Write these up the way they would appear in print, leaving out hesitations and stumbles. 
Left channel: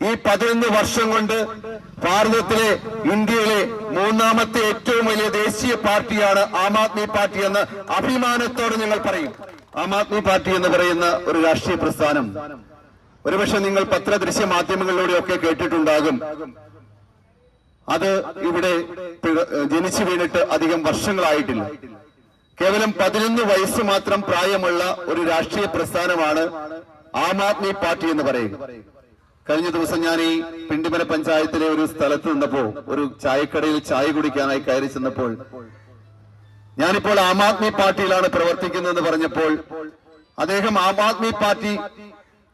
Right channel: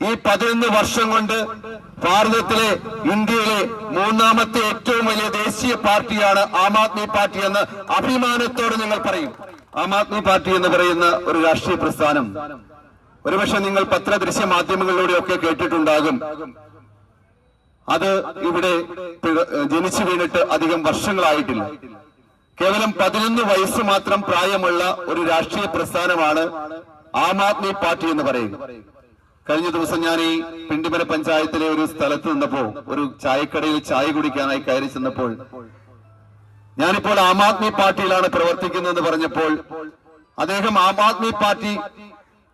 ഈ 11 വർഷം കൊണ്ട് ഭാരതത്തിലെ ഇന്ത്യയിലെ മൂന്നാമത്തെ ഏറ്റവും വലിയ ദേശീയ പാർട്ടിയാണ് ആം ആദ്മി പാർട്ടി എന്ന് അഭിമാനത്തോടെ ഞങ്ങൾ പറയും. ആം ആദ്മി പാർട്ടി എന്ന് പറയുന്ന ഒരു രാഷ്ട്രീയ പ്രസ്ഥാനം ഒരുപക്ഷെ നിങ്ങൾ പത്രദൃശ്യ മാധ്യമങ്ങളിലൂടെയൊക്കെ കേട്ടിട്ടുണ്ടാകും. അത് ഇവിടെ ജനിച്ചു വീണിട്ട് അധികം വർഷങ്ങളായിട്ടില്ല. കേവലം 11 വയസ്സ് മാത്രം പ്രായമുള്ള ഒരു രാഷ്ട്രീയ പ്രസ്ഥാനമാണ് ആം ആദ്മി പാർട്ടി എന്ന് പറയുന്നത്. കഴിഞ്ഞ ദിവസം ഞാൻ ഈ പിണ്ടിമന പഞ്ചായത്തിലെ ഒരു സ്ഥലത്ത് നിന്നപ്പോ ഒരു ചായക്കടയിൽ ചായ കുടിക്കാനായി കയറി ചെന്നപ്പോൾ ഞാനിപ്പോൾ ആം ആദ്മി പാർട്ടിയിലാണ് പ്രവർത്തിക്കുന്നതെന്ന് പറഞ്ഞപ്പോൾ അദ്ദേഹം ആം ആദ്മി പാർട്ടി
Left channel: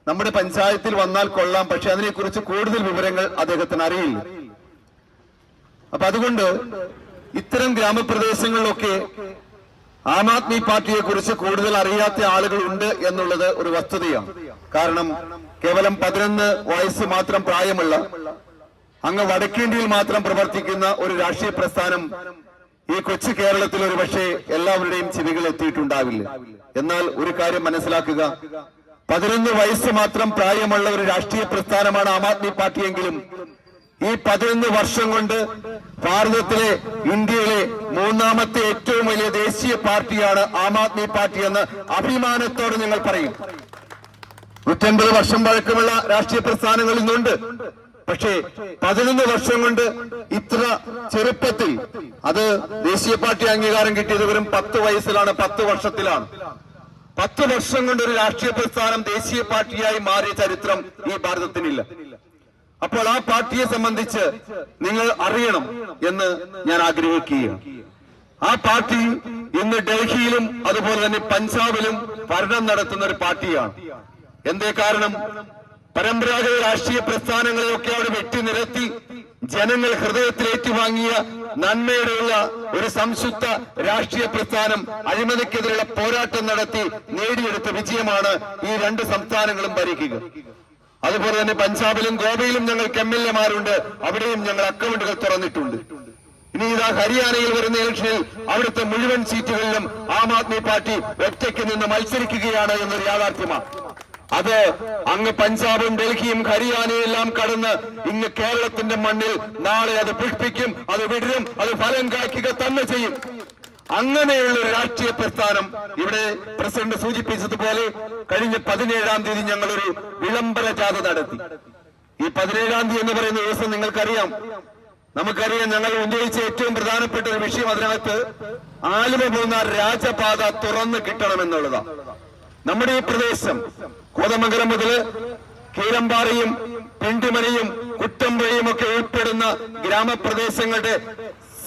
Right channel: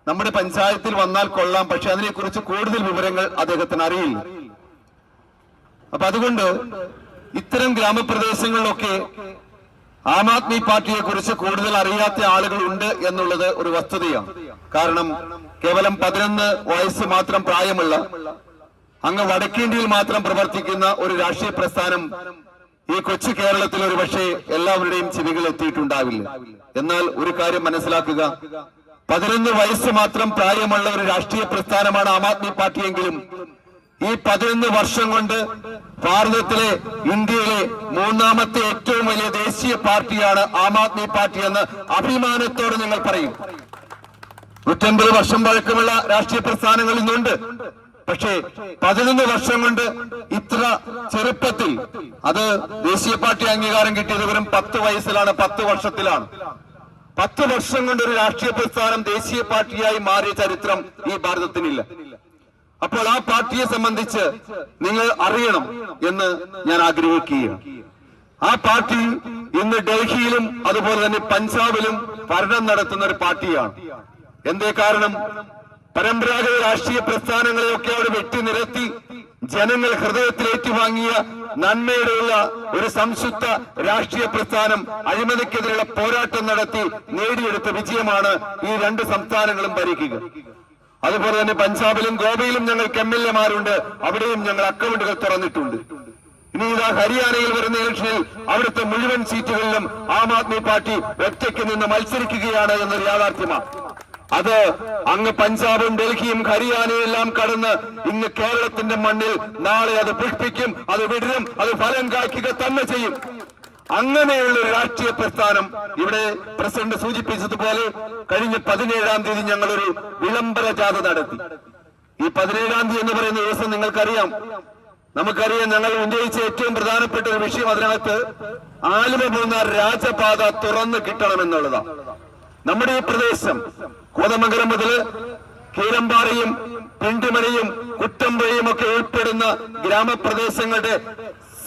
നമ്മുടെ പഞ്ചായത്തിൽ വന്നാൽ കൊള്ളാം, പക്ഷെ അതിനെക്കുറിച്ച് കൂടുതൽ വിവരങ്ങൾ അദ്ദേഹത്തിന് അറിയില്ല. അപ്പൊ അതുകൊണ്ട് ഇത്തരം ഗ്രാമപ്രദേശങ്ങളിലൊക്കെ ആം ആദ്മി പാർട്ടിയെ കുറിച്ച് കൂടുതൽ അറിയാത്ത ആളുകളുണ്ട് എന്നുള്ളത് ഒരു വസ്തുതയാണ്. കാരണം കേവലം 11 വയസ്സ് മാത്രം പ്രായമുള്ള അങ്ങ് വടക്കേന്ത്യയിൽ മാത്രം പ്രവർത്തിക്കുന്ന ഒരു രാഷ്ട്രീയ പ്രസ്ഥാനം ഈ കൊച്ചു കേരളത്തിൽ ഒരു പക്ഷേ എല്ലാവരുടെയും ചെവികൾ എത്തിയിട്ടുണ്ടാവില്ല. എന്നാൽ ഒരു കാര്യം മനസ്സിലാക്കുക, 11 വയസ്സ് മാത്രം പ്രായമുള്ള ഒരു രാഷ്ട്രീയ പ്രസ്ഥാനമാണ് ആം ആദ്മി പാർട്ടിയെങ്കിലും ഈ 11 വർഷം കൊണ്ട് ഭാരതത്തിലെ ഇന്ത്യയിലെ മൂന്നാമത്തെ ഏറ്റവും വലിയ ദേശീയ പാർട്ടിയാണ് ആം ആദ്മി പാർട്ടി എന്ന് അഭിമാനത്തോടെ ഞങ്ങൾ പറയും. 150 വർഷം പഴക്കമുള്ള രാഷ്ട്രീയ പ്രസ്ഥാനങ്ങൾ ഇന്നുണ്ട്. പക്ഷേ 11 വർഷം കൊണ്ട് ഇത്ര ചെറുപ്പത്തിൽ, അത് ദേശീയ പാർട്ടി അംഗീകാരം കിട്ടിയത് വെറും 10 വയസ്സിലാണ്, 10 വർഷത്തിലാണ്. 10 വർഷം കൊണ്ട് ഒരു രാഷ്ട്രീയ പ്രസ്ഥാനം ദേശീയ പാർട്ടിയായി മാറിയ ചരിത്രം ഈ ഭാരതത്തിനില്ല. അപ്പോൾ ആ പാർട്ടിയെ സംബന്ധിച്ച് നിങ്ങൾ അറിയണം എന്ന് ഞാൻ ആഗ്രഹിക്കുകയാണ്. ആ പാർട്ടി ഇന്ന് ഡൽഹിയിലും അതുപോലെ തന്നെ പഞ്ചാബിലും ഭരണം നടത്തുന്ന ഒരു പാർട്ടിയാണ്. എന്തേ കാരണം? പരമ്പരാഗത രാഷ്ട്രീയ പ്രസ്ഥാനങ്ങളെയൊക്കെ അവിടെ വെട്ടിനിരത്തി ജനങ്ങൾ ഹൃദയത്തിൽ ഏറ്റുവാങ്ങിയ നന്മയുടെയുള്ള ഒരു സംശുദ്ധ രാഷ്ട്രീയ പ്രസ്ഥാനം അഴിമതിക്കെതിരെയുള്ള പോരാട്ടം നടത്തി നേടിയെടുത്ത വിജയമാണ് ഈ 2 സംസ്ഥാനങ്ങളും ഭരിക്കുക. അതുപോലെ തന്നെ പഞ്ചാബിലും ഗോവയിലും ഞങ്ങൾക്ക് MLA-മാരുണ്ട്, അവിടെയും ഞങ്ങൾ അക്കൗണ്ടുകൾ തുറന്നിട്ടുണ്ട്. ഇനി ഇതാ ഹരിയാനയിൽ വരുന്ന ഇലക്ഷനിൽ അവിടുത്തെ മുഴുവൻ സീറ്റുകളിലും ആം ആദ്മി പാർട്ടി ഒറ്റയ്ക്ക് നിന്ന് മത്സരിക്കുകയാണ് എന്നൊരു യാഥാർത്ഥ്യമാണ്. അത് അങ്ങ് പഞ്ചാബും ഡൽഹിയും ഹരിയാനയും എല്ലാം കടന്ന് ഇന്ന് കേരളത്തിന്റെ മണ്ണിൽ നാളെ അത് പുഷ്പിക്കും, അത് വിടരും, അത് ഫലം കായ്ക്കുക തന്നെ ചെയ്യും. അങ്ങനെയുള്ള ഒരു രാഷ്ട്രീയ പ്രസ്ഥാനം ഇവിടെ പ്രസിഡന്റ് സൂചിപ്പിച്ചതുപോലെ കഴിഞ്ഞ 17-ാം തീയതി ഞങ്ങളൊരു വിളംബര ജാഥ നടത്തി. ഈ 17-ാം തീയതി എന്ന് പറയുന്ന ദിവസം നിങ്ങൾക്കറിയാം, നമുക്കറിയാം, ഞങ്ങൾ ഉന്നയിച്ച ഏറ്റവും പ്രധാനപ്പെട്ട ഒരു വിഷയം അതിനകത്ത് ആലുവ മൂന്നാർ രാജപാത തുറന്നു കിട്ടണമെന്നുള്ളതാണ്. നമ്മുടെ ഈ പ്രദേശം കോതമംഗലം മുതൽ കീരമ്പാറയും പിണ്ടിമനയും കുട്ടമ്പുഴയും ഒക്കെ ഉൾപ്പെടുന്ന ഗ്രാമപ്രദേശങ്ങളുടെ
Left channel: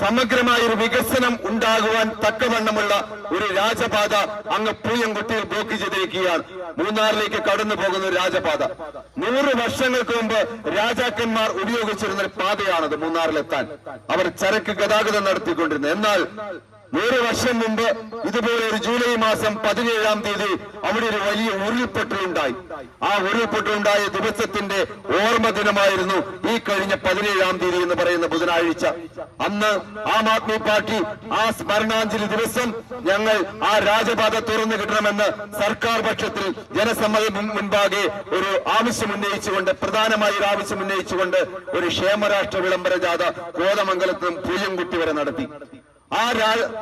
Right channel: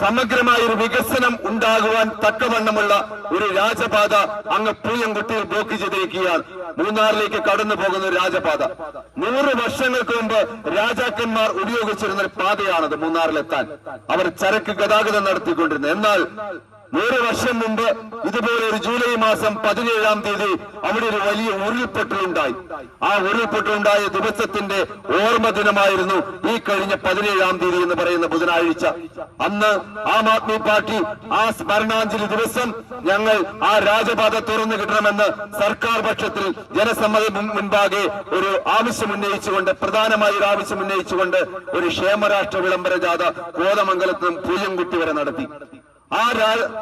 സമഗ്രമായ ഒരു വികസനം ഉണ്ടാകുവാൻ തക്കവണ്ണമുള്ള ഒരു രാജപാത അങ്ങ് പൂയംകുട്ടിയിൽ ബ്ലോക്ക് ചെയ്തിരിക്കുകയാണ്. മൂന്നാറിലേക്ക് കടന്നു പോകുന്ന ഒരു രാജപാത 100 വർഷങ്ങൾക്ക് മുമ്പ് രാജാക്കന്മാർ ഉപയോഗിച്ചിരുന്ന ഒരു പാതയാണത്. മൂന്നാറിലെത്താൻ അവർ ചരക്ക് ഗതാഗതം നടത്തിക്കൊണ്ടിരുന്നത്. എന്നാൽ 100 വർഷം മുമ്പ് ഇതുപോലെ ഒരു ജൂലൈ മാസം 17-ാം തീയതി അവിടെ ഒരു വലിയ ഉരുൾപൊട്ടലുണ്ടായി. ആ ഉരുൾപൊട്ടലുണ്ടായ ദിവസത്തിന്റെ ഓർമ്മ ദിനമായിരുന്നു ഈ കഴിഞ്ഞ 17-ാം തീയതി എന്ന് പറയുന്ന ബുധനാഴ്ച. അന്ന് ആം ആദ്മി പാർട്ടി ആ സ്മരണാഞ്ജലി ദിവസം ഞങ്ങൾ ആ രാജപാത തുറന്നു കിട്ടണമെന്ന് സർക്കാർ പക്ഷത്തിൽ ജനസമ്മതി മുൻപാകെ ഒരു ആവശ്യം ഉന്നയിച്ചുകൊണ്ട്, പ്രധാനമായ ഒരു ആവശ്യം ഉന്നയിച്ചുകൊണ്ട് ഒരു ക്ഷേമരാഷ്ട്ര വിളംബര ജാഥ കോതമംഗലത്തും പൂയംകുട്ടി വരെ നടത്തി. ആ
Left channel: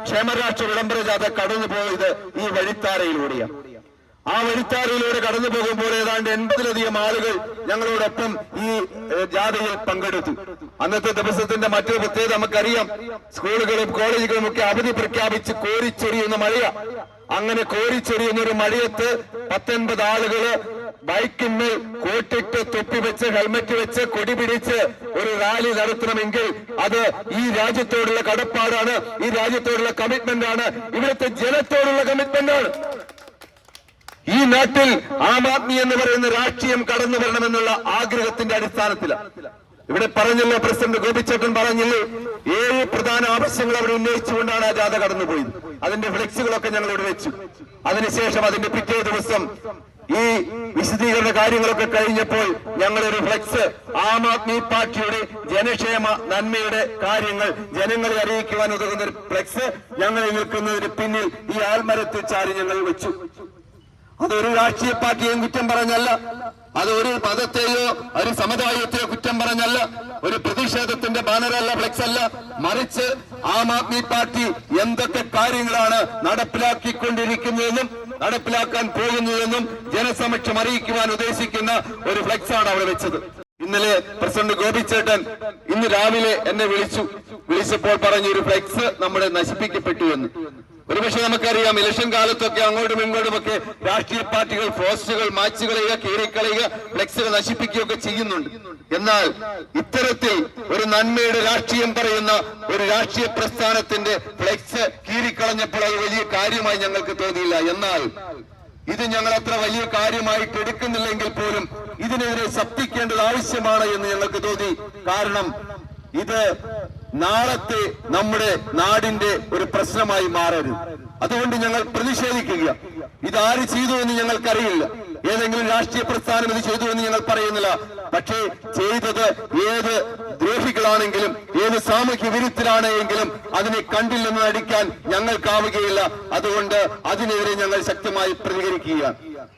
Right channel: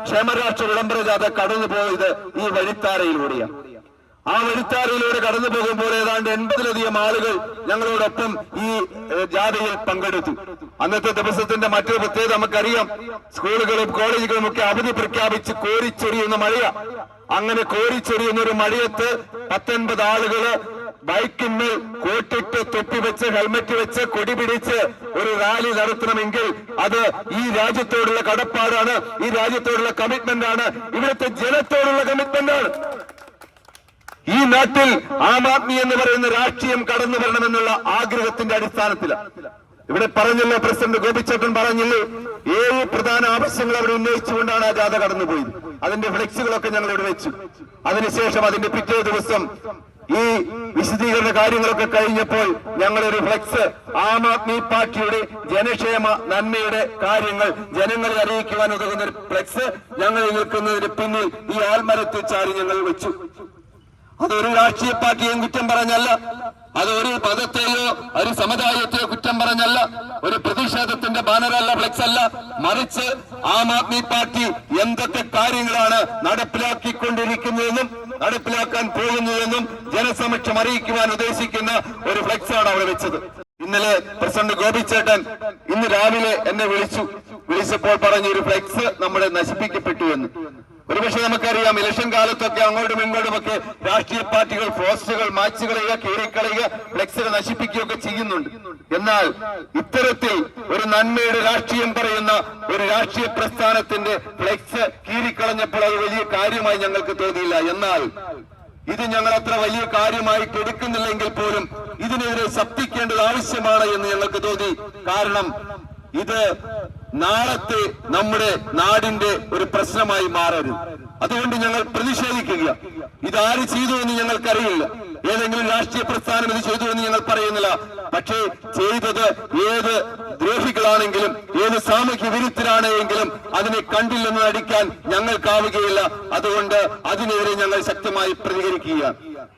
ക്ഷേമരാഷ്ട്ര വിളംബര ജാഥ കടന്നുപോയത് ഈ വഴിത്താരയിലൂടെയാണ്. ആ വഴിത്താരയിലൂടെ കടന്നു പോകുമ്പോൾ ഏതാണ്ട് 80-ലധികം ആളുകൾ ഞങ്ങളോടൊപ്പം ഈ ജാഥയിൽ പങ്കെടുത്തു. അന്നത്തെ ദിവസത്തിന്റെ മറ്റൊരു പ്രത്യേകത നമുക്കറിയാം, സ്കൂളുകളും കോളേജുകളും ഒക്കെ അവധി പ്രഖ്യാപിച്ച് കോരിച്ചൊരിയുന്ന മഴയാണ്. അങ്ങനെ കോരിച്ചൊരിയുന്ന ഒരു മഴയത്ത് 19 ആളുകള് ബൈക്കിന്മേൽ കോട്ടിട്ട് തൊപ്പി വെച്ച് ഹെൽമറ്റ് വെച്ച് കൊടി പിടിച്ച് ഒരു റാലി നടത്തണമെങ്കിൽ അത് ഈ രാജ്യത്തോടുള്ള കടപ്പാടാണ്, ഈ രാജ്യത്തോടുള്ള കമ്മിറ്റ്മെന്റാണ്, ഇവിടുത്തെ ജനത്തോടുള്ള കമ്മിറ്റ്മെന്റാണ്. ഈ നാട്ടിൽ ആം ആദ്മി എന്ന് പറയുന്ന രാഷ്ട്രീയം കടന്നു വരണമെന്നുള്ള ആഗ്രഹത്തിന്റെ അടിസ്ഥാനത്തിലാണ്. ഇവിടെ പറഞ്ഞല്ലോ, പ്രസിഡന്റ് ഗോപിച്ചേട്ടൻ പറഞ്ഞില്ലേ, 7 പ്രധാന ആവശ്യങ്ങൾ അവിടെ ഉന്നയിച്ചുകൊണ്ടാണ് ആ ജാഥ കടന്നുപോയത്. അതിന്റെ ഫ്ലെക്സുകളൊക്കെ ഞങ്ങൾ ഇവിടെ വെച്ചു. അതിനുശേഷം അതിന്റെ പിറ്റേ ദിവസം ഈ വിശദീകരണ കാര്യങ്ങളൊക്കെ കഴിഞ്ഞപ്പോൾ ഞങ്ങളൊരു ഫ്ലെക്സ് ആം ആദ്മി പാർട്ടിയുടെ ജനക്ഷേമ നന്മയുടെ കാര്യങ്ങൾ ജനങ്ങളെ അറിയിക്കുവാൻ ഉതകുന്ന ഒരു ഫ്ലെക്സ് ഞങ്ങൾ നിൽക്കുന്നതിന് പിന്നിൽ ഈ ആൽമരത്തിൽ ചാരി ഞങ്ങൾ വെച്ചു. അതൊരു രാഷ്ട്രീയ പാർട്ടിയും കുറ്റം പറഞ്ഞല്ല, അത് ഒരു മതത്തെയോ ഒരു സമുദായത്തെയോ കുറ്റം പറഞ്ഞല്ല, ഒരു പ്രതിഷേധത്തിന്റെ ബാനറല്ല, ഫ്ലെക്സ് അല്ല, മറിച്ച് ആം ആദ്മി പാർട്ടി എന്തൊക്കെ കാര്യങ്ങളാണ് നടപ്പിലാക്കിക്കൊണ്ടിരിക്കുന്നതെന്നും നടപ്പിലാക്കാൻ പോകുന്നതെന്നും ജനസമക്ഷം അറിയിക്കുവാൻ ഉദ്ദേശിക്കുന്ന ഒരു ഫ്ലെക്സാണ് അവിടെ വെച്ചത്. ഇന്നലെ പ്രസിഡന്റ് ഗോപിച്ചേട്ടൻ ഇന്ന് രാവിലെ എന്നെ വിളിച്ചപ്പോൾ പറഞ്ഞു ഒരു ഫ്ലെക്സ് നമ്മുടെ നശിപ്പിക്കപ്പെട്ടു എന്ന്. ഒരുപക്ഷെ നമുക്കറിയാം, ഇലക്ഷൻ കാലത്തൊക്കെ അങ്ങോട്ടും ഇങ്ങോട്ടുമൊക്കെ രാഷ്ട്രീയ പാർട്ടികൾ പോസ്റ്ററുകൾ മാച്ച് കളയുക, കീറിക്കളയുക, ഫ്ലെക്സുകൾ നശിപ്പിക്കുകയൊക്കെ ചെയ്യുന്നുണ്ട്. എന്നാൽ ഇത്തരത്തിൽ ഒരു നന്മയുടെ രാഷ്ട്രീയം പറയുന്ന ഒരു രാഷ്ട്രീയ പ്രസ്ഥാനത്തിന്റെ ഫ്ലെക്സ് കീറിക്കളഞ്ഞപ്പോൾ അത് വലിയ കാര്യമായി ഞങ്ങൾക്ക് തോന്നിയില്ല. എന്നാൽ ഇത് ഞങ്ങൾ അത്ര വലിയ കാര്യമായിട്ട് എടുക്കുന്നില്ലെങ്കിൽ പോലും ഇതിനെതിരെ ശബ്ദിക്കേണ്ടത് ആവശ്യമാണ് എന്ന് ഞങ്ങൾക്ക് തോന്നി. കാരണം ഇത് നാളത്തെ നമ്മുടെ നാടിന്റെ ഒരു പ്രശ്നമായി മാറരുത്. അതുകൊണ്ട് ഞങ്ങൾ പ്രതിഷേധിക്കുക. ഇതാര് ചെയ്തു എന്ന് ഞങ്ങൾക്കറിയില്ല, ഏതെങ്കിലും രാഷ്ട്രീയ പ്രസ്ഥാനം ഇത് ചെയ്തു എന്ന് ഞങ്ങൾ പറയുന്നില്ല. പക്ഷേ ചെയ്തത് ഏത് ദ്രോഹികളാണെങ്കിലും ഏത് സാമൂഹ്യ വിരുദ്ധരാണെങ്കിലും അതിനെ കണ്ടില്ലെന്ന് നടിക്കാൻ ഞങ്ങൾക്കാവുകയില്ല. അതുകൊണ്ട് അതിനെതിരെ ഞങ്ങൾ ശക്തമായി പ്രതികരിക്കുക.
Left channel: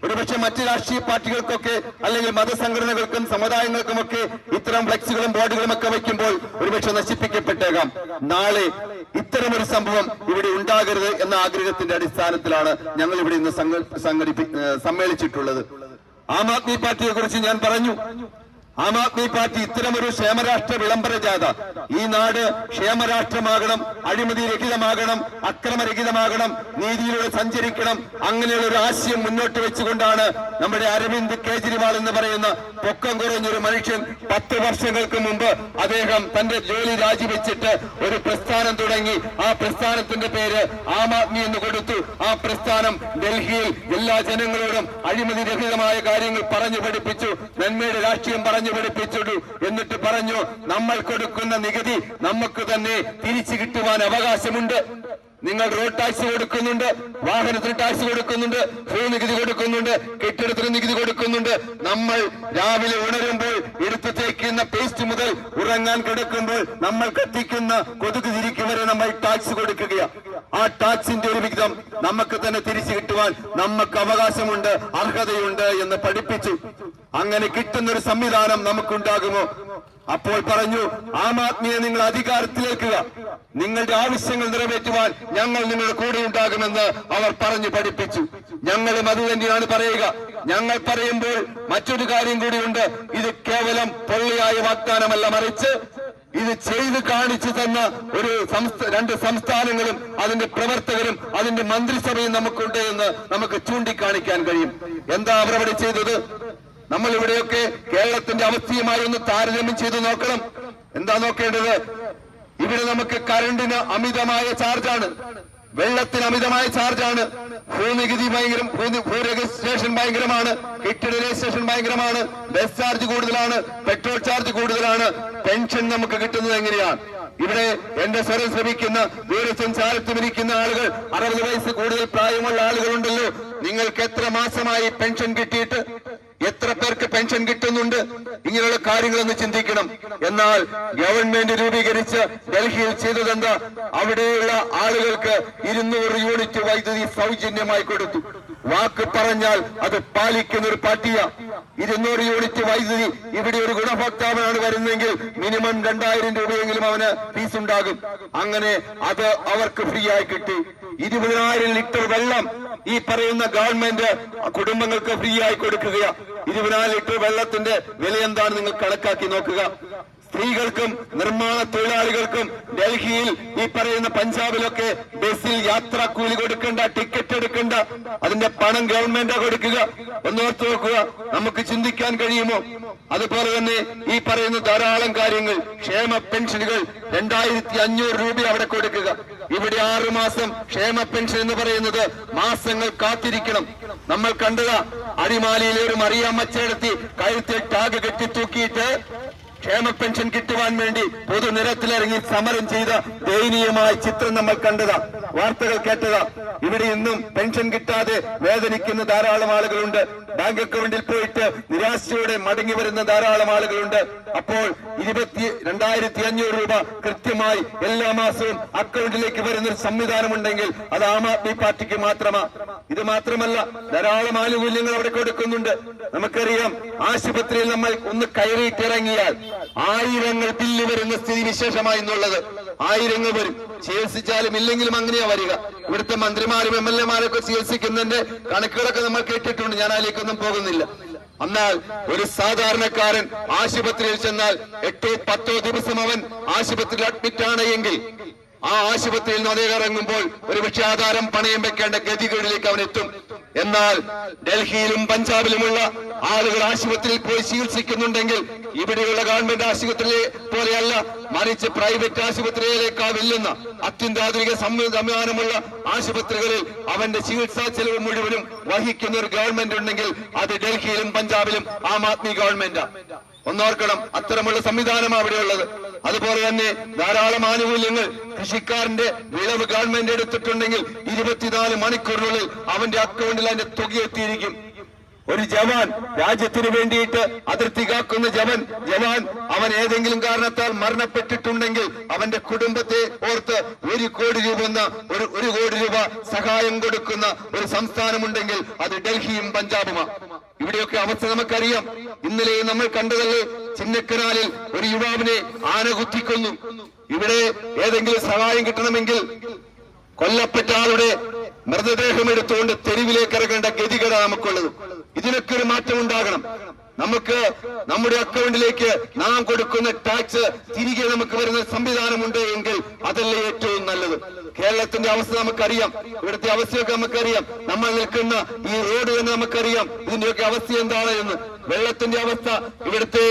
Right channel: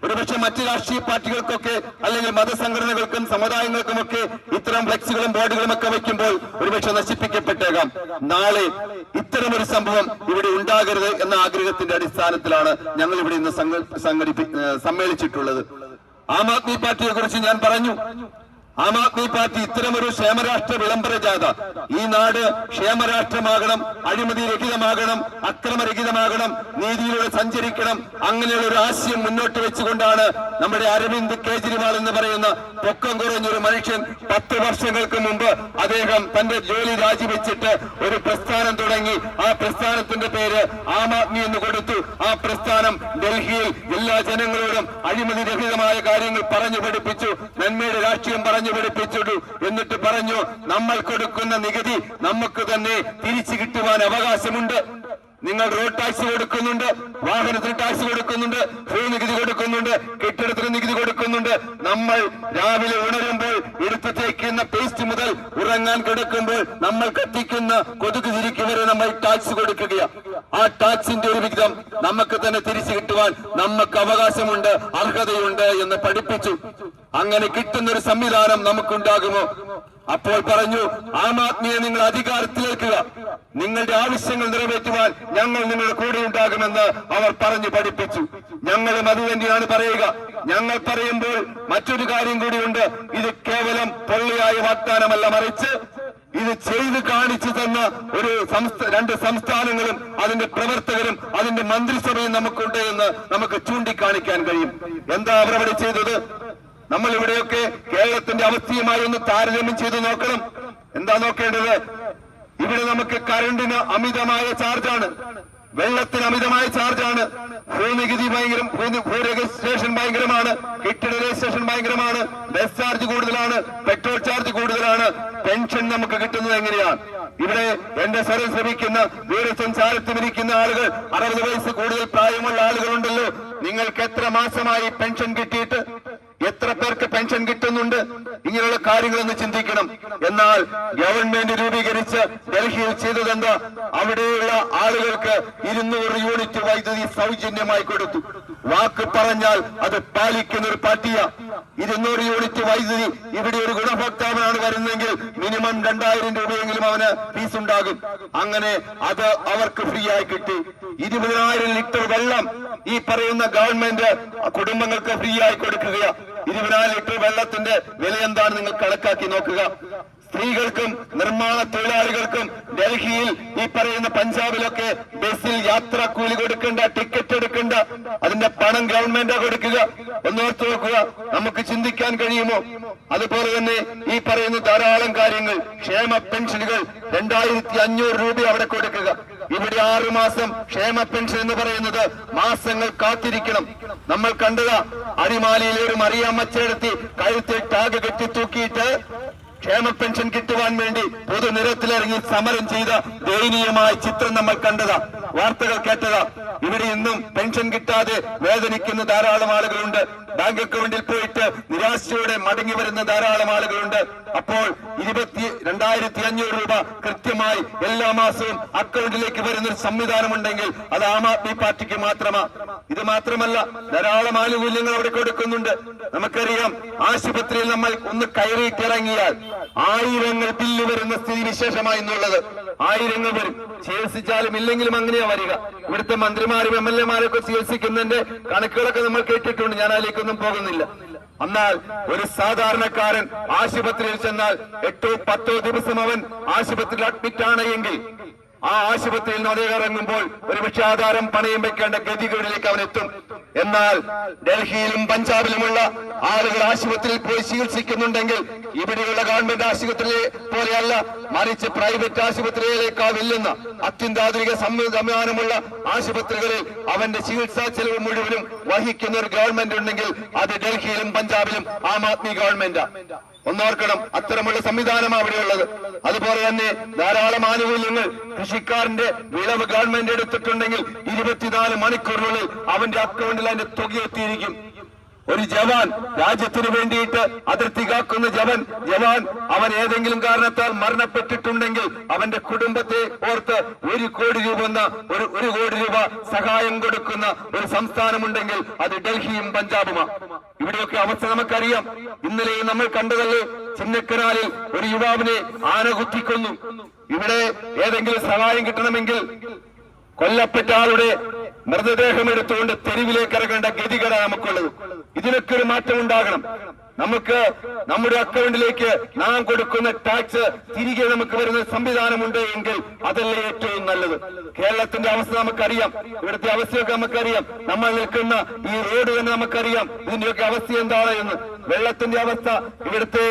ഒരുപക്ഷെ മറ്റ് രാഷ്ട്രീയ പാർട്ടികൾക്കൊക്കെ അല്ലെങ്കിൽ മതസംഘടനകൾക്കും സമുദായങ്ങൾക്കുമൊക്കെ ഇത്തരം ഫ്ലെക്സുകളും ബോർഡുകളും ഒക്കെ വയ്ക്കുമ്പോൾ ഒരുപക്ഷെ നശിപ്പിക്കപ്പെട്ടേക്കാം. നാളെ ഇത്തരമൊരു സംഭവം ഇവിടെ ഉണ്ടാകരുത് എന്ന ആഗ്രഹത്തിന്റെ അടിസ്ഥാനത്തിലാണ് ഞങ്ങൾ ഇവിടെ ഇന്ന് സമ്മേളിച്ചിട്ടുള്ളത്. ആം ആദ്മി പാർട്ടിയെ കുറിച്ച് ഞാൻ പറഞ്ഞു. ആം ആദ്മി പാർട്ടി ഇത്തരമൊരു ക്ഷേമരാഷ്ട്ര വിളംബര ജാഥ, ഈ നാട് ക്ഷേമരാഷ്ട്രമാകണം, അഴിമതിരഹിതമാകണം, അക്രമരഹിതമാകണം, നീതിയിലൂടെ സഞ്ചരിക്കണം, അങ്ങനെയുള്ള ഒരു ആശയം മുന്നോട്ട് വെച്ചുകൊണ്ടാണ് നമ്മുടെ അരവിന്ദ് കേജ്രിവാൾ എന്ന് പറയുന്ന പൊക്കം കുറഞ്ഞൊരു മനുഷ്യൻ 10 വർഷങ്ങൾക്ക് മുമ്പ് അദ്ദേഹം തന്റെ ജോലി രാജിവെച്ചിട്ട് ഒരു പ്രസ്ഥാനം തുടങ്ങി. ആ പ്രസ്ഥാനത്തിന്റെ പേര് ആം ആദ്മി എന്ന് കൊടുത്തു. ആ പ്രസ്ഥാനം ഡൽഹിയിൽ എല്ലാ ജനങ്ങളോടും അഴിമതിരഹിതമായ കാര്യങ്ങൾ പറഞ്ഞു പഠിപ്പിച്ചു, നന്മയുടെ രാഷ്ട്രീയം പറഞ്ഞു പഠിപ്പിച്ചു. എന്നിട്ട് പറഞ്ഞു, നമ്മൾ കൊടുക്കുന്ന നികുതി നമുക്ക് തന്നെ തിരിച്ചു കിട്ടുവാൻ അവകാശമുണ്ട്. നിങ്ങൾ റോഡ് ടാക്സ് കൊടുക്കുന്നുണ്ട്, വാഹനത്തിന് ടാക്സ് കൊടുക്കുന്നുണ്ട്, ഭൂനികുതി കൊടുക്കുന്നുണ്ട്, കെട്ടിടത്തിന് നികുതി കൊടുക്കുന്നുണ്ട്. നമ്മൾ രാവിലെ ഉണരുമ്പോൾ എടുത്തു തേക്കുന്ന പേസ്റ്റ് മുതൽ ഉറങ്ങാൻ കിടക്കുമ്പോൾ നമ്മൾ കത്തിക്കുന്ന കൊതുക് തിരിക്ക് വരെ നമ്മൾ ടാക്സ് കൊടുക്കുകയാണ്. ആ ടാക്സിന്റെ ഒരു വിഹിതം നമുക്ക് തന്നെ തിരിച്ചു കിട്ടുവാൻ നമുക്ക് അവകാശമുണ്ട്, അർഹതയുണ്ട് എന്ന് പഠിപ്പിച്ചു. അങ്ങനെ കിട്ടുന്നൊരു സംവിധാനം നമുക്കുണ്ടാകുമോ? അപ്പോൾ പറഞ്ഞു, ആം ആദ്മിയെ നിങ്ങൾ അധികാരത്തിലേക്കുക, നിങ്ങളുടെ ആവശ്യങ്ങൾ നിറവേറ്റുവാൻ ഞങ്ങൾ നിങ്ങളുടെ കൂടെ ഉണ്ടാകുമെന്ന് അവർ പറഞ്ഞു പഠിപ്പിച്ചു. ഞങ്ങളും അത് തന്നെയാണ് പറയുക. ഞങ്ങൾ പറയുമ്പോൾ മറ്റൊരു കാര്യം കൂടിയുണ്ട്. ഇത് കേവലം പൊള്ളിയായ വാഗ്ദാനമല്ല, മറിച്ച് ഇത് ചെയ്ത് കാണിച്ചു തന്ന ഒരു 2 സംസ്ഥാനങ്ങളും അതിന്റെ പ്രവർത്തകരും അതിന്റെ മന്ത്രിസഭയും നമുക്കുണ്ട് എന്ന് നമുക്ക് ചൂണ്ടിക്കാണിക്കാൻ കഴിയും. എന്താ അവരവിടെ ചെയ്തത്? നമ്മൾ ഇവിടെയൊക്കെ കേരളത്തിന്റെ അവസ്ഥയുമായി ഒന്ന് താരതമ്യം ചെയ്ത് നോക്കണം. എന്താ നോക്കേണ്ടത്? ഇവിടെ നമുക്ക് കറണ്ടിന് അമിതമായ ചാർജാണ്, വെള്ളത്തിന് അമിതമായ ചാർജാണ്, ഭൂനികുതി ഭയങ്കരം, ഭൂ രജിസ്ട്രേഷൻ ഭയങ്കരമാണ്, കെട്ടിട രജിസ്ട്രേഷൻ ഭയങ്കരമാണ്, ബസ് ചാർജ് കൂടുതലാണ്, പെട്രോൾ ചാർജ് കൂടുതലാണ്. പെൻഷൻ നമുക്ക് കിട്ടുന്നത് എങ്ങനെയാണ്? ഇവിടെ എന്റെ സ്വരം ശ്രമിക്കുന്ന ദൂരസഞ്ചാരത്തിലിരിക്കുന്ന ആളുകൾ, 60 വയസ്സ് കൂടുതൽ പ്രായമുള്ള ആളുകളുണ്ടല്ലോ, നിങ്ങൾക്ക് എത്ര മാസമായി പെൻഷൻ കിട്ടിയിട്ട്? എത്ര പേർക്ക് പെൻഷൻ കിട്ടുന്നുണ്ട്? ഇങ്ങനെയുള്ള കാര്യങ്ങളൊന്ന് ചിന്തിക്കണം. എന്നാൽ ഗവൺമെന്റ് രൂപീകരിച്ച് ഡൽഹിയിൽ ചെയ്തതെന്താ? അവിടെയുള്ള ആളുകൾക്ക് 200 യൂണിറ്റ് വൈദ്യുതി സൗജന്യമായി കൊടുത്തു. വാക്ക് പറഞ്ഞാൽ അത് പാലിക്കുന്ന ഒരു പാർട്ടിയാ. 200 യൂണിറ്റ് വൈദ്യുതി. ഇവിടെ ഒരു ഗുണഭോക്താവാണ് വരുന്നെങ്കിൽ മിനിമം 2000 രൂപയെങ്കിലും അവന് ഫീസ് ഉണ്ടാകും. അങ്ങനെ അത് അവർക്ക് ഫ്രീ ആയി കിട്ടി. 20,000 ലിറ്റർ വെള്ളം ഈ പറയുന്ന ഗവൺമെന്റ് കുടുംബങ്ങൾക്ക് ഫ്രീ ആയി കൊടുക്കുക. 20,000 ലിറ്റർ വെള്ളത്തിന്റെ വില എന്താണ് നിങ്ങൾ കണക്കാക്കി നോക്കുക. സ്ത്രീകൾക്കും നിർമ്മാണ തൊഴിലാളികൾക്കും ഡൽഹിയിൽ ഈ പറയുന്ന പഞ്ചാബിലൊക്കെ ബസ്സിൽ യാത്രാ കൂലി കൊടുക്കേണ്ട, ടിക്കറ്റ് എടുക്കേണ്ട, അതിന്റെ പണം ഗവൺമെന്റ് കൊടുക്കുക. എന്നോർത്ത് നോക്കുക, നമുക്ക് ചിന്തിക്കാൻ കഴിയുമോ? അതുപോലെ തന്നെ ഈ പറയുന്ന ധാരാളം കാര്യങ്ങൾ, ക്ഷേമ പെൻഷനുകൾ 2500 രൂപ അവിടെ കൊടുക്കുക. ഇവിടെ 6 മാസം ക്ഷേമ പെൻഷൻ എന്ന് പറയുന്നത് മാസങ്ങൾ കാത്തിരിക്കണം. നമ്മൾ കണ്ടതാ, അടിമാലിയിലെ ഒരു മറിയാമ്മച്ചേടത്തി കഴുത്തിൽ ടാഗ് കെട്ടി തൂക്കിയിട്ട് ക്ഷേമ പെൻഷൻ കിട്ടുവാൻ വേണ്ടി പൊതുനിരത്തിലിറങ്ങി സമരം ചെയ്ത ദയനീയമായ ചിത്രം നമ്മൾ കണ്ടതാ, വാർത്തകൾ കേട്ടതാ. ഇവിടെ ഇന്നും പെൻഷൻ കിട്ടാതെ വേദനിക്കുന്ന ധാരാളം ആളുകളുണ്ട്. ബാങ്ക് അക്കൗണ്ടിൽ പോയിട്ട് നിരാശയോടെ മടങ്ങി വരുന്ന ധാരാളം ആളുകളുണ്ട്. അപ്പോൾ 22,500 രൂപ കൃത്യമായി എല്ലാ മാസവും അക്കൗണ്ടിലേക്ക് വരുന്നൊരു സംവിധാനമുണ്ടെങ്കിൽ അത് ആം ആദ്മി പാർട്ടിക്ക് മാത്രമാണ്. ഇത് മാത്രമല്ല, ധാരാളം ആനുകൂല്യങ്ങൾ അവിടെ കൊടുക്കുന്നുണ്ട്. നമുക്കറിയാം, ആശുപത്രിയിൽ നമ്മൾ ഒന്ന് കയറിയിട്ടിറങ്ങിയാൽ ആയിരങ്ങൾ ബില്ല് വരുന്ന സ്ഥിതി വിശേഷമായി എന്നുള്ളത്. ആയിരങ്ങൾ വരും. ചികിത്സിച്ചാലും ഇല്ലെങ്കിലും അങ്ങനെയാ വരിക. ഇവിടുത്തെ മന്ത്രിമാരും MLA മാരൊക്കെ ചികിത്സിക്കുന്നതിന്റെ കണക്കുകളൊക്കെ നമ്മൾ കേട്ടിട്ടുണ്ട്. ഞാൻ അതിലേക്കൊന്നും പോകുന്നില്ല. എന്നാൽ ഒരു സാധാരണക്കാരൻ ആശുപത്രിയിൽ ചെന്നാൽ 8-10 ദിവസം അവൻ ആശുപത്രിയിൽ അഡ്മിറ്റ് ആണ് എങ്കിൽ ആ ആശുപത്രിയിൽ നിന്ന് അദ്ദേഹം ഇറങ്ങുമ്പോൾ ഒരു പക്ഷേ ആധാരം പണയം വെക്കേണ്ട ഗതികളിലേക്ക് അവൻ എത്തും. എന്നാൽ ഡൽഹിയിലും പഞ്ചാബിലുമുള്ള ആളുകൾ ആശുപത്രിയിൽ പോയി ചികിത്സിക്കുന്നുണ്ടെങ്കിൽ ഇവിടെയുള്ള ഗവൺമെന്റ് ആശുപത്രിയെ പോലെയല്ല, മറിച്ച് പ്രൈവറ്റ് ആശുപത്രിയിലേക്കാൾ വെല്ലുന്ന അത്യന്താധുനിക സംവിധാനമുള്ള ആശുപത്രികളിൽ അവന്റെ ചികിത്സാ ചെലവ് മുഴുവനും വഹിക്കുന്ന ഒരു ഗവൺമെന്റ് ഉണ്ടെങ്കിൽ അത് ഡൽഹിയിലും പഞ്ചാബിലും ആം ആദ്മി ഗവൺമെന്റാ. ഒന്നോർക്കണം, അത്തരമുള്ള സംവിധാനമാണ് അവിടെ ഉള്ളത്. അതുപോലെ തന്നെ ധാരാളം ആനുകൂല്യങ്ങൾ. കൃഷിക്കാരന്റെ വിളവ് ഗവൺമെന്റ് എടുത്തിട്ടുണ്ടെങ്കിൽ 24 മണിക്കൂറിനുള്ളിൽ അവന്റെ അക്കൗണ്ടിൽ അതിന്റെ തുക എത്തിയിരിക്കും. ഒരു ജവാൻ രാജ്യത്തിന് വേണ്ടിയിട്ട് അതിർത്തി കാക്കുന്ന ജവാൻ അവൻ ഏതെങ്കിലും കാരണത്താൽ മരണപ്പെട്ടിട്ടുണ്ടെങ്കിൽ അവന്റെ കുടുംബത്തെ ഓർത്ത് 1 കോടി രൂപ ഒരു കോടി രൂപ സഹായം കൊടുക്കുന്ന ഒരു സംസ്ഥാനമുണ്ടെങ്കിൽ അത് ഡൽഹിയും പഞ്ചാബുമാണ്. ഇവിടെയൊക്കെ അവസ്ഥ നമുക്കറിയാം. ഇന്നലെ നമ്മൾ കണ്ടതല്ലേ, ചിന്നക്കനാലിൽ ഒരു യുവാവിനെ ആന കുത്തിക്കൊന്നു. ഇവിടെ ഏതെങ്കിലും സഹായം കിട്ടണമെങ്കിൽ കൊല്ലപ്പെട്ട ആളുടെ മൃതദേഹം എടുത്തുകൊണ്ട് തെരുവിലേക്ക് ഇറങ്ങേണ്ട ഗതികേടാണ് നമുക്കുള്ളത്. ഇതിനൊക്കെ ഒരു മാറ്റം ഉണ്ടാകണം. നമുക്ക് നമ്മുടെ അക്കൗണ്ടിലേക്ക് നാം കൊടുക്കുന്ന ടാക്സ് തിരികെ നമുക്ക് വരുന്ന സംവിധാനമുണ്ട് എങ്കിൽ അതല്ലേ ഏറ്റവും നല്ലത്. കേരളത്തിന്റെ അവസ്ഥ നമുക്കറിയാം, ഇവിടുത്തെ അവസ്ഥയൊക്കെ നമുക്കറിയാം. നമ്മൾ നിൽക്കുന്ന ഈ റോഡ് തന്നെ നമുക്കറിയാം ഇതിന്റെയൊക്കെ അവസ്ഥ എന്താണ് എന്ന്. വെള്ളത്തിന്റെ അവസ്ഥ, ഇവിടുത്തെ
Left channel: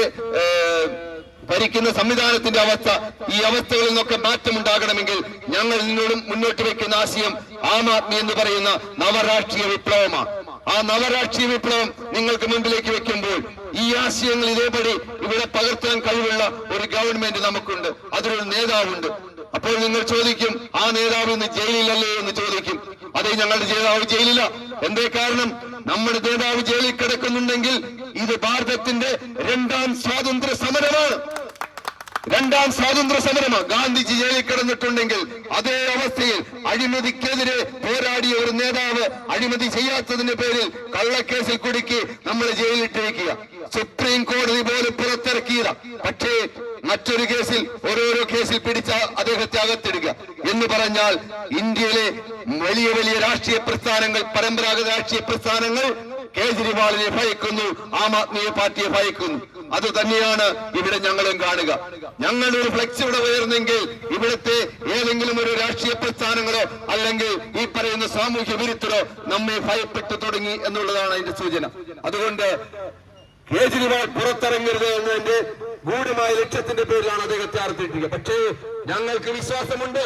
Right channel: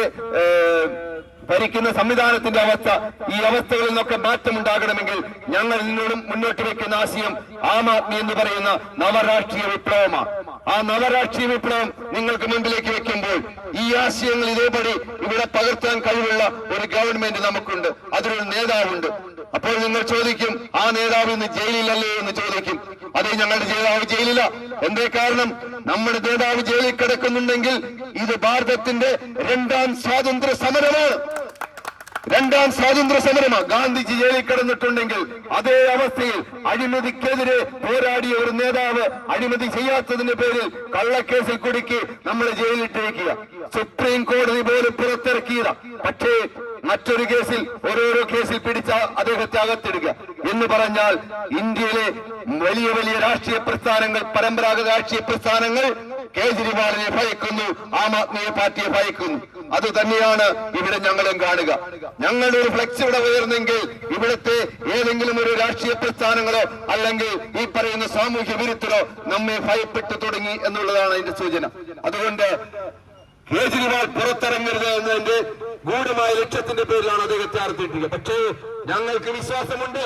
ഭരിക്കുന്ന സംവിധാനത്തിന്റെ അവസ്ഥ, ഈ അവസ്ഥകളിൽ നിന്നൊക്കെ മാറ്റമുണ്ടാകണമെങ്കിൽ ഞങ്ങൾ നിന്നോടും മുന്നോട്ട് വെക്കുന്ന ആശയം ആം ആദ്മി എന്ന് പറയുന്ന നവരാഷ്ട്രീയ വിപ്ലവമാണ്. ആ നവരാഷ്ട്രീയ വിപ്ലവം നിങ്ങൾക്ക് മുമ്പിലേക്ക് വെക്കുമ്പോൾ ഈ ആശയങ്ങൾ ഇതേപടി ഇവിടെ പകർത്താൻ കഴിവുള്ള ഒരു ഗവൺമെന്റ് നമുക്കുണ്ട്, അതിനൊരു നേതാവുണ്ട്. അപ്പോൾ നിങ്ങൾ ചോദിക്കും, ആ നേതാവ് ഇന്ന് ജയിലിലല്ലേ എന്ന് ചോദിക്കും. അതെ, ഞങ്ങളുടെ നേതാവ് ജയിലില്ല. എന്തേ കാരണം? നമ്മുടെ നേതാവ് ജയിലിൽ കിടക്കുന്നുണ്ടെങ്കിൽ ഇത് ഭാരതത്തിന്റെ 2ാം സ്വാതന്ത്ര്യ സമരമാണ്. 2ാം സ്വാതന്ത്ര്യ സമരമാണ്. ഗാന്ധിജി ജയിലിൽ കിടന്നിട്ടുണ്ടെങ്കിൽ അതേ അവസ്ഥയിൽ അഴിമതിക്കെതിരെ പോരാടിയ ഒരു നേതാവ് അഴിമതി ചെയ്യാത്തതിന്റെ പേരിൽ കള്ളക്കേസിൽ കുടുക്കി നമ്മളെ ജയിലിട്ടിരിക്കുക. സുപ്രീം കോടതി പോലും പുറത്തിറക്കിയത. പക്ഷേ മറ്റൊരു കേസിൽ ഓരോരോ കേസിൽ പിടിച്ച അദ്ദേഹത്തെ അകത്തിടുക എന്ന് പറഞ്ഞാൽ ഇന്ത്യയിലെ വലിയ വലിയ രാഷ്ട്രീയ പ്രസ്ഥാനങ്ങൾ, പരമ്പരാഗത രാഷ്ട്രീയ പ്രസ്ഥാനങ്ങൾ കേജ്രിവാളിനെ ഭയക്കുന്നു, ആം ആദ്മി പാർട്ടിയെ ഭയക്കുന്നു. അത് തന്നെയാണ് ഇവിടെ ഞങ്ങളും കാണുക. ഞങ്ങളുടെ ഒരു ഫ്ലെക്സ് ഇവിടെ ഉയർന്നെങ്കിൽ ഇവിടുത്തെ ഏതെങ്കിലും ഒരു രാഷ്ട്രീയ പ്രസ്ഥാനങ്ങളോ അല്ലെങ്കിൽ ഈ പറയുന്ന സാമൂഹ്യ വിരുദ്ധരോ നമ്മെ ഭയപ്പെട്ടു തുടങ്ങി എന്നുള്ളതാണ് അതിന്റെ സൂചന. അതുകൊണ്ട് കേജ്രിവാൾ പുറത്തിറങ്ങരുത് എന്നതിന്റെ ഗൂഢമായ ലക്ഷ്യത്തിന്റെ പേരിലാണ് അദ്ദേഹത്തെ അർപ്പിക്കുക. പക്ഷേ ഞങ്ങൾക്ക് വിശ്വാസമുണ്ട്,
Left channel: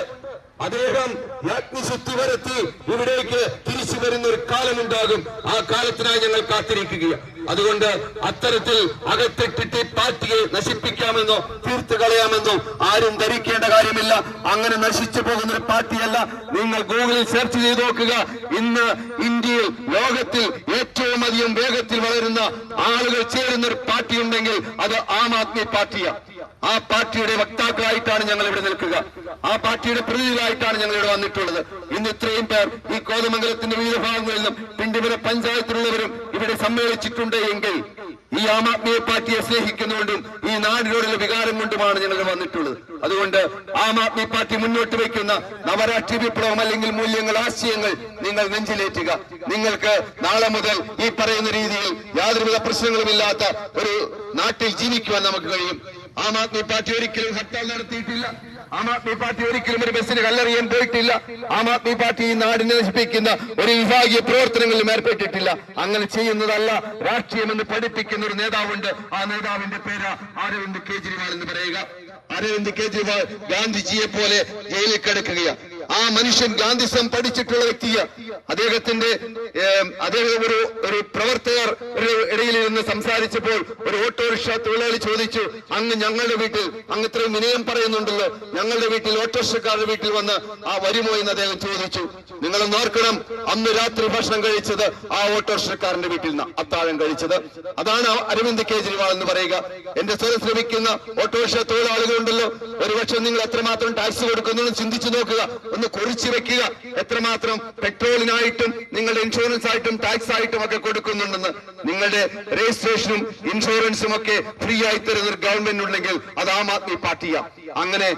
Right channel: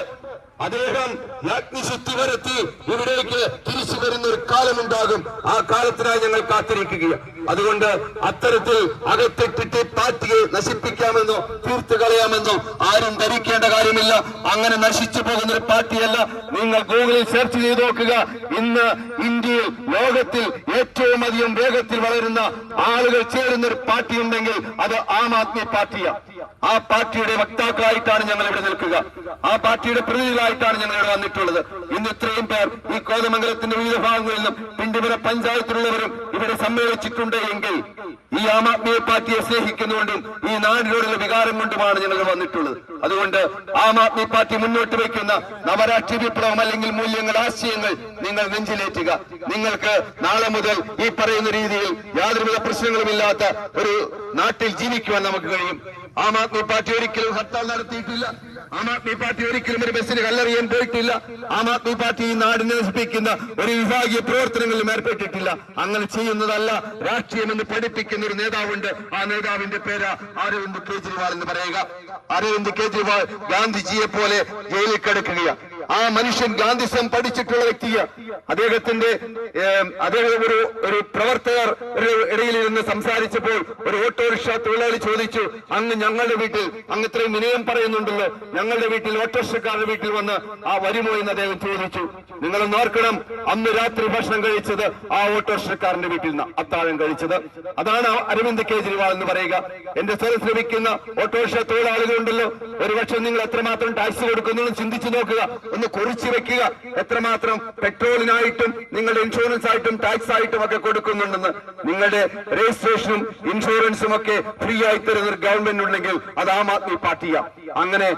അദ്ദേഹം അഗ്നിശുദ്ധി വരുത്തി ഇവിടേക്ക് തിരിച്ചു വരുന്ന ഒരു കാലമുണ്ടാകും. ആ കാലത്തിനായി ഞങ്ങൾ കാത്തിരിക്കുകയാണ്. അതുകൊണ്ട് അത്തരത്തിൽ അകത്തിട്ടിട്ട് പാർട്ടിയെ നശിപ്പിക്കാമെന്നോ തീർത്തു കളയാമെന്നോ ആരും ധരിക്കേണ്ട കാര്യമില്ല. അങ്ങനെ നശിച്ചു പോകുന്ന ഒരു പാർട്ടിയല്ല. നിങ്ങൾ ഗൂഗിളിൽ സെർച്ച് ചെയ്ത് നോക്കുക. ഇന്ന് ഇന്ത്യയിൽ ലോകത്തിൽ ഏറ്റവും അധികം വേഗത്തിൽ വളരുന്ന ആളുകൾ ചേരുന്ന ഒരു പാർട്ടി ഉണ്ടെങ്കിൽ അത് ആം ആദ്മി പാർട്ടിയാണ്. ആ പാർട്ടിയുടെ വക്താക്കളായിട്ടാണ് ഞങ്ങൾ ഇവിടെ നിൽക്കുക. ആ പാർട്ടിയുടെ പ്രതിനിധികളായിട്ടാണ് ഞങ്ങൾ ഇവിടെ വന്നിട്ടുള്ളത്. ഇന്ന് ഇത്രയും പേർ ഈ കോതമംഗലത്തിന്റെ വിവിധ ഭാഗങ്ങളിൽ നിന്നും പിണ്ടിമല പഞ്ചായത്തിലുള്ളവരും ഇവിടെ സമ്മേളിച്ചിട്ടുണ്ട് എങ്കിൽ ഈ ആം ആദ്മി പാർട്ടിയെ സ്നേഹിക്കുന്നുകൊണ്ടും ഈ നാടിനോടുള്ള വികാരം കൊണ്ടുമാണ് ഞങ്ങൾ വന്നിട്ടുള്ളത്. അതുകൊണ്ട് ആം ആദ്മി പാർട്ടി മുന്നോട്ട് വയ്ക്കുന്ന നവരാഷ്ട്രീയ വിപ്ലവം അല്ലെങ്കിൽ മൂല്യങ്ങൾ, ആശയങ്ങൾ നിങ്ങൾ നെഞ്ചിലേറ്റുക. നിങ്ങൾക്ക് നാളെ മുതൽ ഈ പറയുന്ന രീതിയിൽ യാതൊരുവിധ പ്രശ്നങ്ങളുമില്ലാത്ത ഒരു നാട്ടിൽ ജീവിക്കുവാൻ നമുക്ക് കഴിയും. ആം ആദ്മി പാർട്ടി ഒരിക്കലും ഹർത്താൽ നടത്തിയിട്ടില്ല. ആം ആദ്മി പാർട്ടി ഒരിക്കലും ഒരു ബസ്സിന് കല്ലെറിയാൻ പോയിട്ടില്ല. ആം ആദ്മി പാർട്ടി ഈ നാടിനെ നശിപ്പിക്കുന്ന ഒരു വിഭാഗീയ പ്രവർത്തനങ്ങളിലും ഏർപ്പെട്ടിട്ടില്ല. അങ്ങനെ ചെയ്യുന്നതല്ല രാഷ്ട്രീയമെന്ന് പഠിപ്പിക്കുന്ന ഒരു നേതാവുണ്ട്. ആ നേതാവിന്റെ പേര് അരവിന്ദ് കെജ്രിവാൾ എന്ന് പറയുക. അരവിന്ദ് കെജ്രിവാൾ ഗാന്ധിജിയെ പോലെ ജയിലിൽ കിടക്കുകയാണ്. ആ മനുഷ്യൻ ഗാന്ധിസം പഠിച്ചിട്ടുള്ള വ്യക്തിയാണ്. അദ്ദേഹം ഒരു പ്രവർത്തകർ ഇടയിൽ ഇരുന്ന് സംസാരിച്ചപ്പോൾ ഒരു ഓട്ടോറിക്ഷ തൊഴിലാളി ചോദിച്ചു, അങ്ങ് ഞങ്ങളുടെ വീട്ടിൽ, അങ്ങ് ഇത്രയും വിനയം പറയുന്നുണ്ടല്ലോ, ഞങ്ങളുടെ വീട്ടിൽ ഓട്ടോറിക്ഷക്കാരുടെ വീട്ടിൽ വന്ന് വരുമോ എന്ന് അദ്ദേഹം ചോദിച്ചു. നിങ്ങളൊന്ന് ഓർക്കണം, അന്ന് രാത്രി ഭക്ഷണം കഴിച്ചത് ആ ഓട്ടോറിക്ഷക്കാരന്റെ വീട്ടിൽ നിന്ന് അത്താഴം കഴിച്ചത്. അതാണ് അരവിന്ദ് കെജ്രിവാൾ എന്ന് പറയുക. എന്റെ സ്വരം ശ്രമിക്കുന്ന ഓട്ടോറിക്ഷ തൊഴിലാളികളുണ്ടല്ലോ, ഒരുപക്ഷെ നിങ്ങൾ എത്രമാത്രം ടാക്സ് കൊടുക്കുന്നു ചിന്തിച്ചു നോക്കുക, ഒന്ന് കുറിച്ചു വെക്കുക. എത്രമാത്രം പെട്രോളിനായിട്ടും നിങ്ങളുടെ ഇൻഷുറൻസ് ആയിട്ടും ടാക്സ് ആയിട്ടും ഒക്കെ കൊടുക്കുന്നുണ്ടെന്ന്. നിങ്ങളുടെ രജിസ്ട്രേഷനും ഇൻഷുറൻസും ഒക്കെ ഫ്രീ ആയി തരുന്ന ഒരു ഗവൺമെന്റ് ഉണ്ടെങ്കിൽ അത് ആം ആദ്മി പാർട്ടിയാ. അങ്ങനെ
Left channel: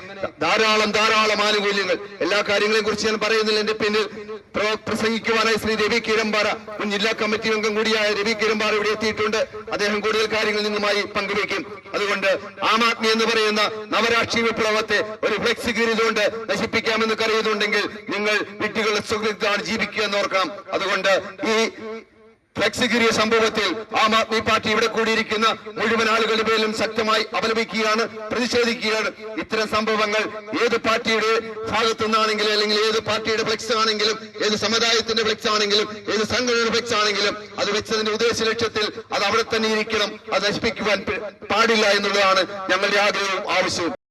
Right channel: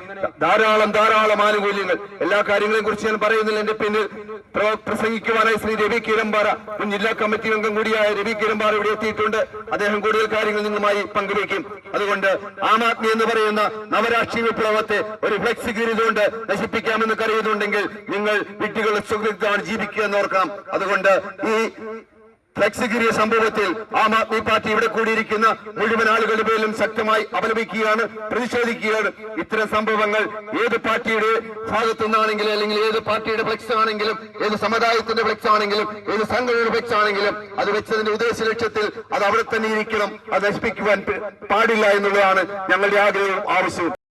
ധാരാളം ആനുകൂല്യങ്ങൾ. എല്ലാ കാര്യങ്ങളെയും കുറിച്ച് ഞാൻ പറയുന്നില്ല. എന്റെ പിന്നിൽ പ്രസംഗിക്കുവാനായി ശ്രീ രവി കിരമ്പാറ, മുൻ ജില്ലാ കമ്മിറ്റി അംഗം കൂടിയായ രവി കിരമ്പാറ ഇവിടെ എത്തിയിട്ടുണ്ട്. അദ്ദേഹം കൂടുതൽ കാര്യങ്ങൾ നിങ്ങളുമായി പങ്കുവയ്ക്കും. അതുകൊണ്ട് ആം ആദ്മി എന്ന് പറയുന്ന നവരാഷ്ട്രീയ വിപ്ലവത്തെ ഒരു ഫ്ലെക്സ് കീറിയതുകൊണ്ട് നശിപ്പിക്കാമെന്ന് കരുതുന്നുണ്ടെങ്കിൽ നിങ്ങൾ വിഡ്ഢികളുടെ സുഹൃത്താണ് ജീവിക്കുക എന്ന് ഓർക്കണം. അതുകൊണ്ട് ഈ ഫ്ലെക്സ് കീറിയ സംഭവത്തിൽ ആം ആദ്മി പാർട്ടി ഇവിടെ കൂടിയിരിക്കുന്ന മുഴുവൻ ആളുകളുടെ പേരിലും ശക്തമായി അപലപിക്കുകയാണ്, പ്രതിഷേധിക്കുകയാണ്. ഇത്തരം സംഭവങ്ങൾ ഏത് പാർട്ടിയുടെ ഭാഗത്തു നിന്നാണെങ്കിലും, അല്ലെങ്കിൽ ഏത് പാർട്ടിയുടെ ഫ്ലെക്സ് ആണെങ്കിലും, ഏത് സമുദായത്തിന്റെ ഫ്ലെക്സ് ആണെങ്കിലും, ഏത് സംഘടനയുടെ ഫ്ലെക്സ് ആണെങ്കിലും, അത് വെച്ചതിന്റെ ഉദ്ദേശ ലക്ഷ്യത്തിൽ അത് അവിടെ തന്നെ ഇരിക്കണം. അത് നശിപ്പിക്കുവാൻ പാടില്ല എന്നുള്ളതാണ് ഞങ്ങളുടെ ആഗ്രഹവും ആവശ്യവും.